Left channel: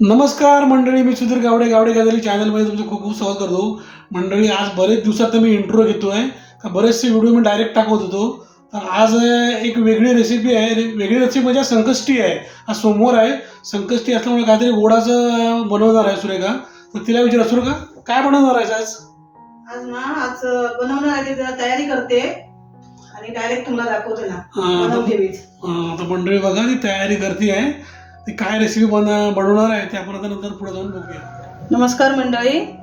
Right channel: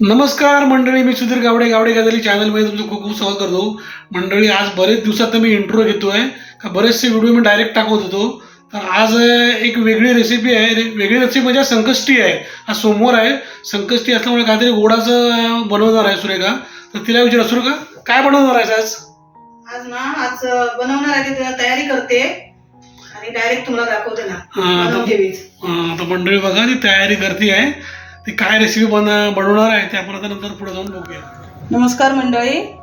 नमस्कार मंडळी मी सुधीर गावडे गावडे गाजली चॅनलमध्ये तुमचं खूप खूप स्वागत करतो. मंडळी आज बरेच दिवसात मी इंट्रो घेतो आहे का बरेचसे व्हिडिओ मी डायरेक्ट टाकत होतो. तर आज एक वेगळी रेसिपी आहे. वेगळी रेसिपी म्हणजे संकष्टी आहे. आज सोमवार आहे. संकष्टी असल्यामुळे काहीतरी गोडाचं बनवणार आहे सुरेखा. तर तिला विचारा सुरेखा काय बनवणार आहेस आज? आज ना आज बनवणार आहे तयारी करते. आणि डायरेक्ट तुम्हाला दाखवते ना. हां, तर मंडळी बघा ती तयारी करते आहे ती काय रेसिपी बन बनवणार आहे ते आपण आता नंतर पुढे जाऊन बघूया. नमस्कार मंडळी.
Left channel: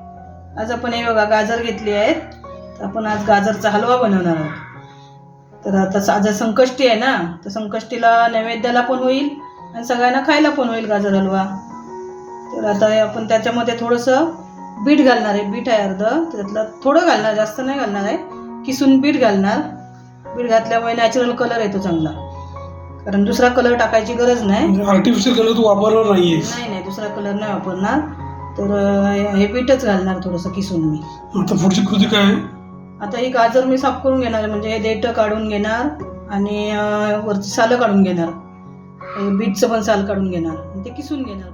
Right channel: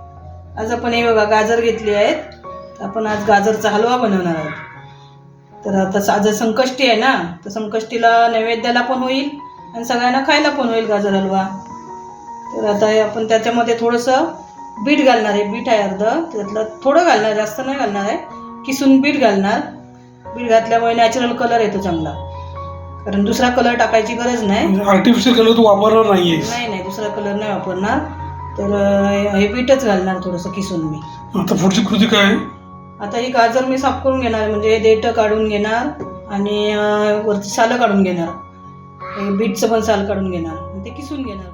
आज आपण हे बघा गाजर घेतली आहेत. तर आपण आज गाजरचा हलवा बनवणार आहोत. तर आता स- आज संकष्टी आहे ना? तर संकष्टीला नैवेद्याला पण होईल आणि सगळ्यांना खायला पण होईल गाजर हलवा. तर आता हे आपण त्याच्यामध्ये थोडंसं बीट घालणार आहे. बीट आहे अर्ध. त्यातलं थोडं घालणार जास्त नाही घालणार आहे. किसून बीट घालणार. बीट घातल्यामुळे नॅचरल कलर येतो चांगला. कारण दुसरा कलर टाकायची गरज नाही. आर्टिफिशियल कलर तू वापरणार नाही नाही नाही दुसरा कलर नाही वापरणार. तर हे बीटच घालणार थोडंसं किसून मी. आता पुढची कृती काय? आहे आता ही गाजर मी साफ करून घेणार म्हणजे देठ काढून घेणार आणि अं, वरची सालं काढून घेणार. हे बीटचं पण साल काढून घेणार. आणि ते किसून घेणार.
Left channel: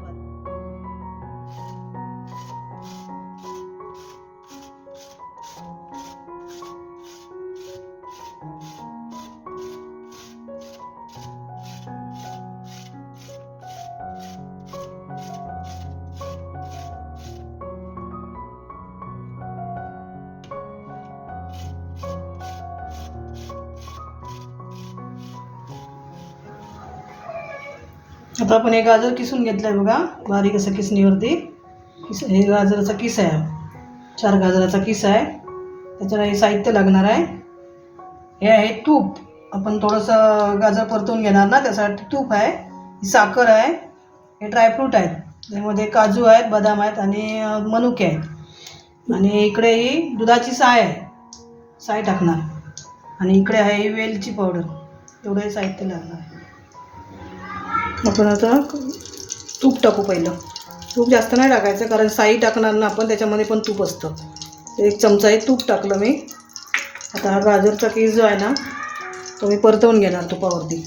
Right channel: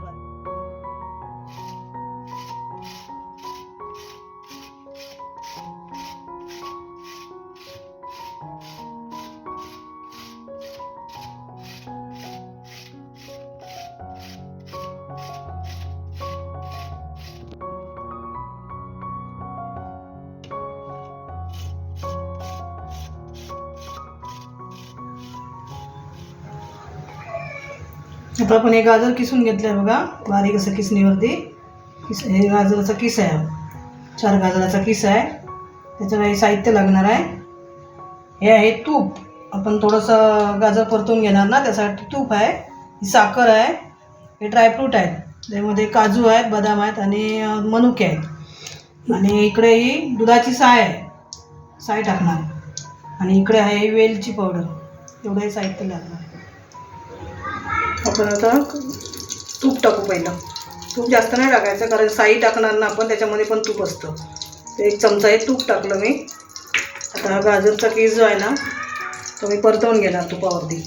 आता आपण हे गाजर किसून घेतलं आहे बघा. बारीक असं किसणीवरती. किस हे गाजराचा किस आहे. चार गाजराचा किस आहे. त्याच्याला हे साहित्य लागणार आहे. हे आहे तूप. आपण थोडंसं गाजर परतून घेणार ना त्यासाठी तूप आहे. ही साखर आहे. हे ड्रायफ्रूट आहेत. त्यामध्ये काजू आहेत बदाम आहेत आणि मनुके आहेत. आणि इकडे ही दुधाची साय आहे. साय टाकणार. आणि इकडे आहे वेलची पावडर. एवढं हे साहित्य लागणार आहे. आपण आता तूप टाकू पहिलं. तूप जास्त नाही टाकायचं कारण साई टाकणार ना आपण त्याच्यामध्ये पण तूप असतं. तर एक चमचा हे तूप टाकलं मी. आता हा गाजरचा केस जो आहे ना तो मी परतवून घेणार तुपावरती.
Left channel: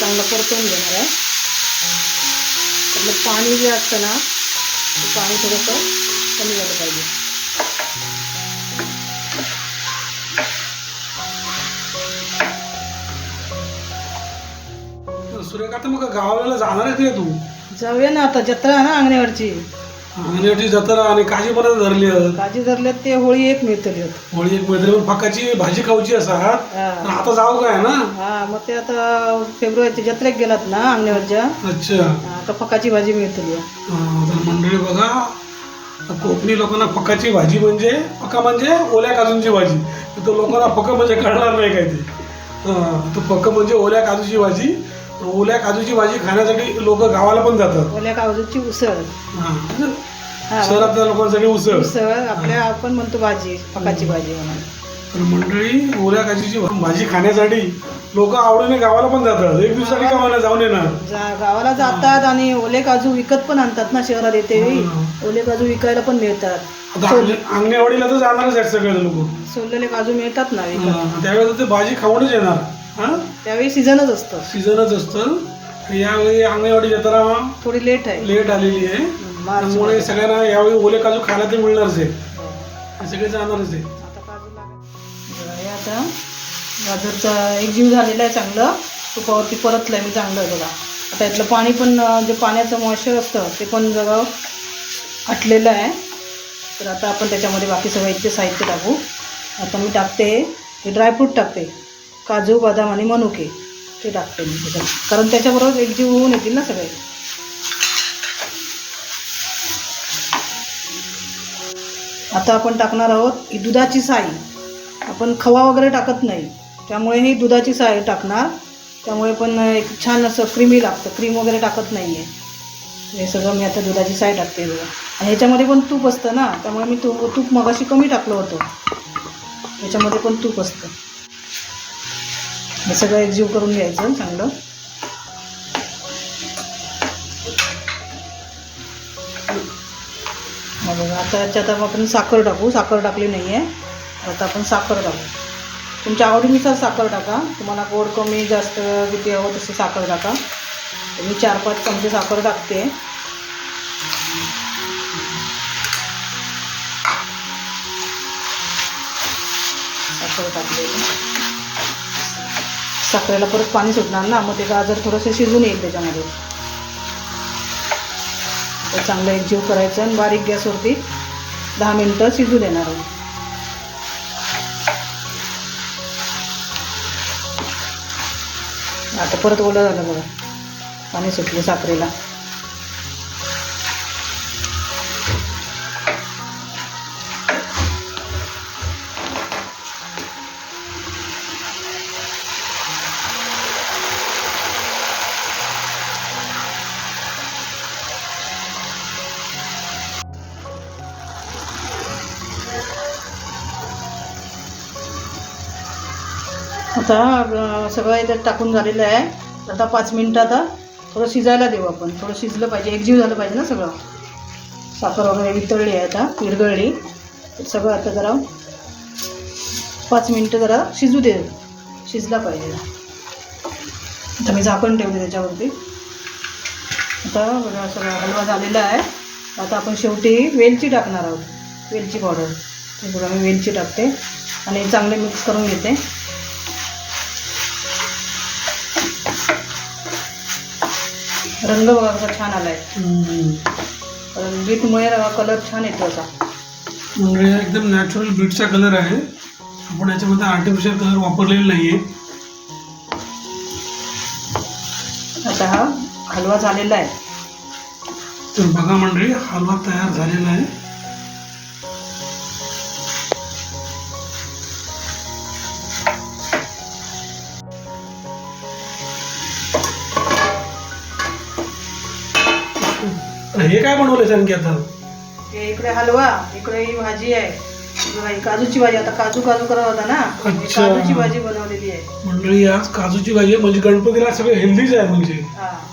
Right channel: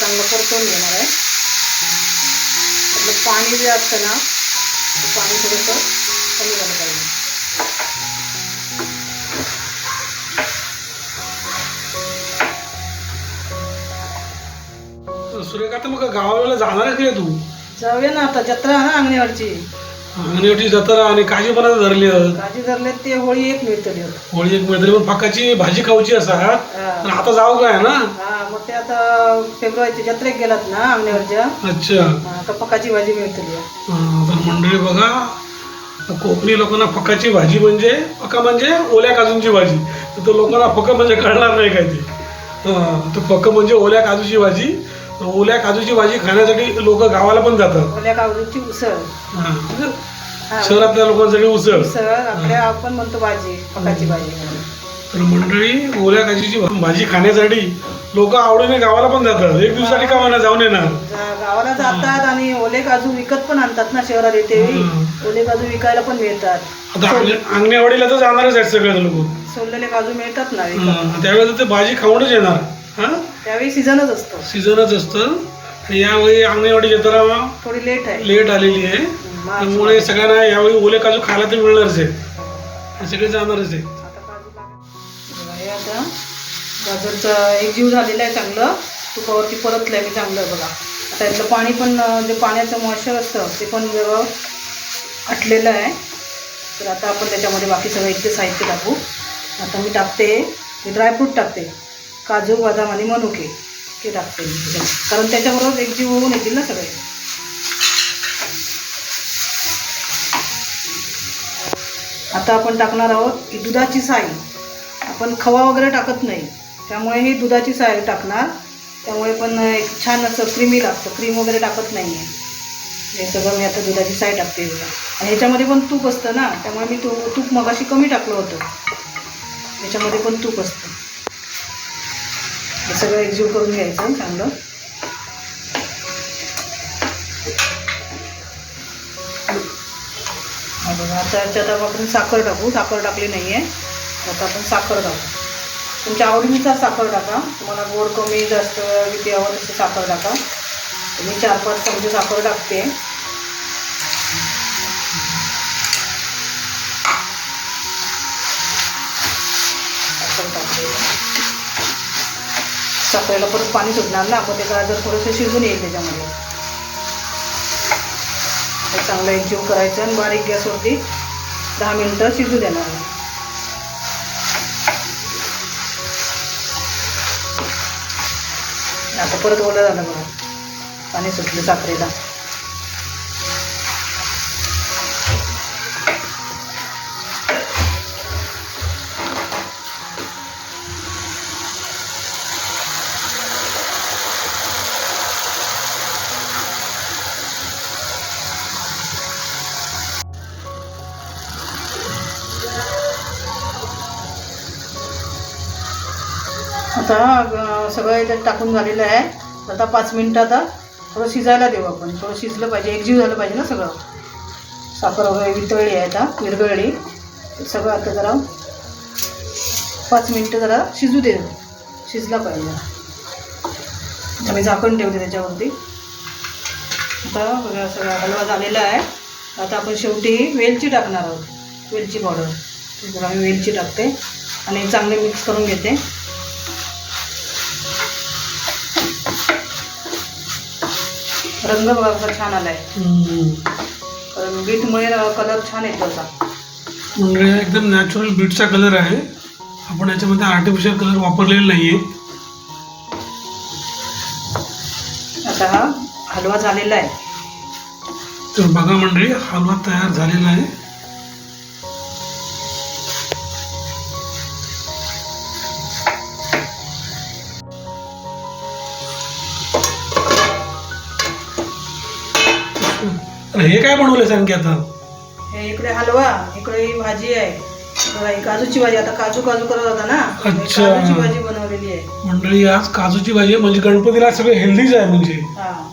चांगलं परतवून घेणार आहे. आपलं पाणी जे असतं ना ते पाणी थोडंसं कमी झालं पाहिजे. तर मग गावाला जाणार आहे की तू? जाऊया ना आता जत्रा आहे ना अंगणेवाडची. जत्रा आणि काजी बनायला धरली. काजी धरल्यात ते होळी एक मिळतली होळी एक मैत्री पण फकाची भाजी खाऊची असा आता जाऊ काय ना? हा मग ते आता फेब्रुवारीच्या जत्रेक गेलात ना अंगणेवाडच्या? अच्छा. आता फकाची भाजी मिळतली. तर मंडळी बघा कोकणी लोकांना फकाची भाजी म्हणजे फका म्हणजे ओल्या काजूंची भाजी. तर तो लोकांना फक म्हणजे कळणार नाही काय ते. तर फक म्हणजे ओल्या काजूची भाजी. ओल्या काजूची भाजी खाण्यासाठी लोक गावाला पण जातात. ओल्या काजूची उसळ. हां. हा. शहरातल्या लोकांसाठी उसळ. उसळ आपल्या आपण म्हणतो भाजी फकाची भाजी म्हणून. तर मंडळी ओल्या काजूची भाजी खाण्यासाठी लोक आवडीने गावाला पण जातात. एक दिवसासाठी गावाला जाऊन येणार? जा- गावाला जातात आणि ओले काजू विकत पण आणतात ना शहरात येते. हम्म. ओले काजू विकायला पण मिळतात. आता अंग- अंगणेवाडीला तर जाणारच आहेत सगळे लोक. सोललेले काजू मिळतात ना विकत. त्यावेळेस ते भाजी खाऊनच येणार. हा? त्यावेळी सीझनच असतो. सीझनच असतं. आणि यावेळी अंगणवाडी जत्रा थोडी लेट आहे. लेट आलेली आहे. त्यामुळे सगळ्यांना यावेळी ओले काजू खायला ते मिळणारच आहे. सगळे जाणारच आहे. आता हे गाजरचं एक जीव झालेलं आहे चांगलं. तुपावरती परतलं आहे मी चांगलं बघा. आता यातलं पाणी पण जे पाण्याचं मॉइश्चर असतं ते पण जवळ आटलेलं आहे. तर आता आपण त्याच्यामध्ये बाकी सगळं इतके साहित्य टाकू. आता मी टाकते. हे ड्रायफ्रूट टाकते. काजू बदाम आणि मनुके हे टाकते मी त्याच्यात कारण त्याच्याबरोबर एक जीव होऊन येतील ना सगळे. आता आपण टाकणार आहोत ही दुधाची साई. आपण खवा वगैरे टाकत नाही. त्यामुळे ही दुधाची साई टाकणार. त्यामुळे पण एक छान असं क्रीमी लागतं. क्रीम वगैरे टाकत नाही आहे हे सगळं मी आता दुधाची साय टाकते बघा. आणि ह्याच्यामध्ये पण तूप असतं ना. त्यामुळे मी तूप तूप मगाशी कमी टाकलं होतं. ह्याच्यामध्ये पण तूप असतं. हे सगळं एकजीव करून घ्यायचं चांगलं. बघा आता याच्यात आपण साखर टाकू. साखर टाकली नाही आहे आता आपण साखर टाकू. तुमच्या आवडीनुसार साखर टाका. तुम्हाला गोड कमी जास्त किती हवं तसं साखर टाका. मी चार पाच चमचे साखर टाकते. साखरेला परत पाणी सुटणार ना मग ते गाजर थोडंसं शिजून येईल त्याच्यामध्ये. तर चांगलं एकजीव करायचं आणि बारीक गॅसवरती दहा मिनटं शिजू देणार आहे. आता परत ओलं झालं बघा. पाणी सुटलं साखरेला. असा सगळं याच्यात टाकून झालेलं आहे. आता पाच मिनटं आता थोडं शिजायला देऊ आपण. थोडं शिजलं पाहिजे. एकजीव झालं पाहिजे ना सगळं. साखर वगैरे वितळली आहे आता विरघळली. सगळं आता जरा पाच मिनटं जरा शिजू दे. शिजला पाहिजे. आता मी झाकण ठेवते त्याच्यावरती. आता सगळा हलवा झालेला आहे. आता आपण शेवटी वेलची टाकणार आहोत. वेलची पावडर. ते बघा मी वेलची टाकते. आणि चांगले मिक्स करून घेते. रंग बघा कसा छान आलाय. कारण बीटमुळे कलर छान येतो असा म्हणजे एकदम नॅचरल बीटचा कलर आहे. आपण याच्यामध्ये आर्टिफिशियल कलर वापरलेला नाही आहे आता हा हलवा झालेला आहे. तर बघा मंडळी हलवा तयार झालेला आहे. आणि हे काय बनवलंय सांग आता? हे इकडे हलवा इकडे ही भाजी आहे. बघा, ही काजूची भाजी आता काजू काजू करत होता ना? हे अच्छा. काजूची भाजी बनवलेली आहे. मंडळी आज काजूची भाजी आहे. म्हणजे गणपतीला सगळं हेल्दीच आहे म्हणजे. हा.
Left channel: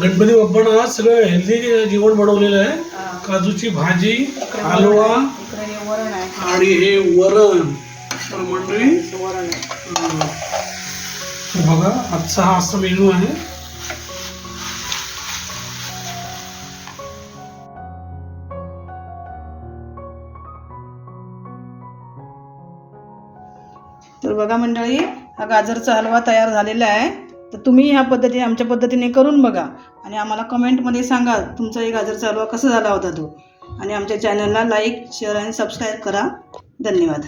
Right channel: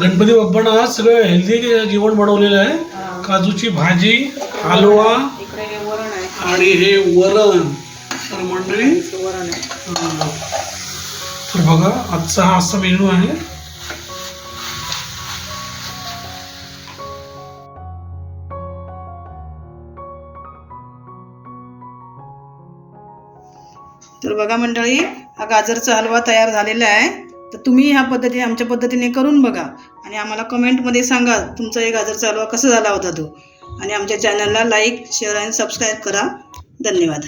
गणपती बाप्पानं आज सगळं हेल्दी जेवण बनवलेलं आहे. काजूची भाजी हलवा इकडे हे वरण आहे. आणि हे वरण. तर मंडळी हे वरण आहे. अं, तर बघा आजचा हा असा मेनू आहे. तर बघा मंडळी हा गाजरचा हलवा तयार झालेला आहे. तर तुम्ही ह्या पद्धतीने आमच्या पद्धतीने करून बघा. आणि आम्हाला कमेंटमध्ये सांगा तुमचा हे गाजरचा हलवा कसा झाला होता तो. आणि आमच्या चॅनलला लाईक शेअर आणि सबस्क्राईब करा. धन्यवाद.